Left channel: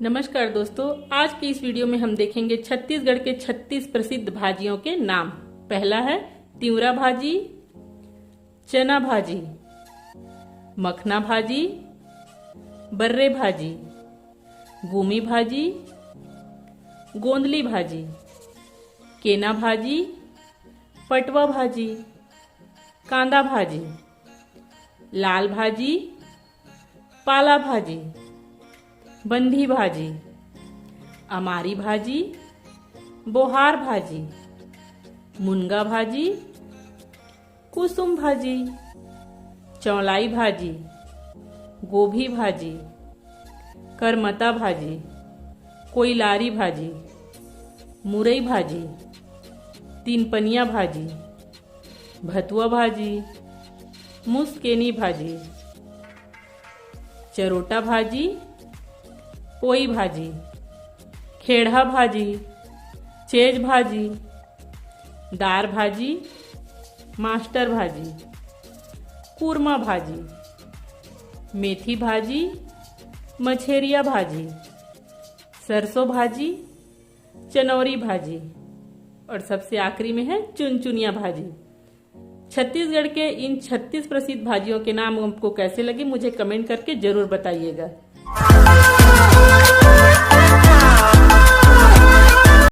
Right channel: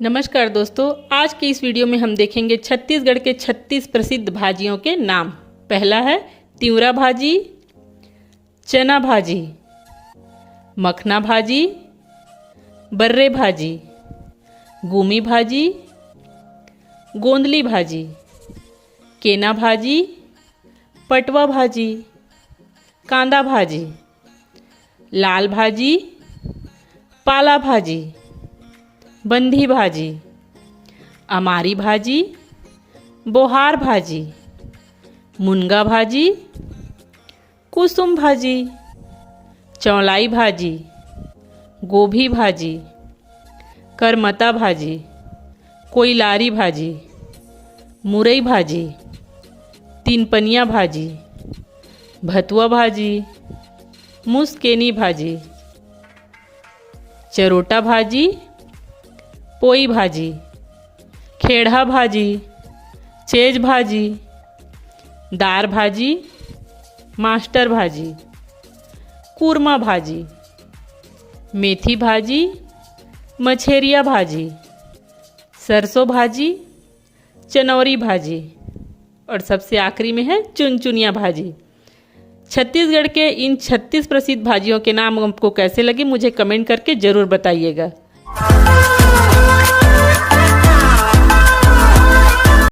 नमस्कार दोस्तों, आज के इस वीडियो में हम देखेंगे छत्तीसगढ़ के 36 प्रसिद्ध भाजियों के नाम। पहला है तिंवरा भाजी, चना भाजी, मखना भाजी, बर्रे भाजी, गुमी भाजी, गोंदली भाजी, केना भाजी, पटवा भाजी, कांदा भाजी, लाल भाजी, पाला भाजी, बंधी भाजी, अमारी भाजी, बोहार भाजी, मुनगा भाजी, कुसुम भाजी, चौलाई भाजी, गोभी भाजी, करमता भाजी, कोइलारी भाजी, मुरई भाजी, तीनपनिया भाजी, भतुआ भाजी, मुसकेनी भाजी, चरोटा भाजी, पोई भाजी, खेड़ा भाजी, चेज भाजी, दार भाजी, मास्टर भाजी, कूरमा भाजी, मेथी भाजी, मछेरिया भाजी, सरसों भाजी, चनौरी भाजी और सबसे आखिरी में है चुनचुनिया भाजी। छत्तीसगढ़ के इन 36 प्रसिद्ध भाजियों के नाम आपको कैसे लगे मुझे कमेंट करके ज़रूर बताइएगा।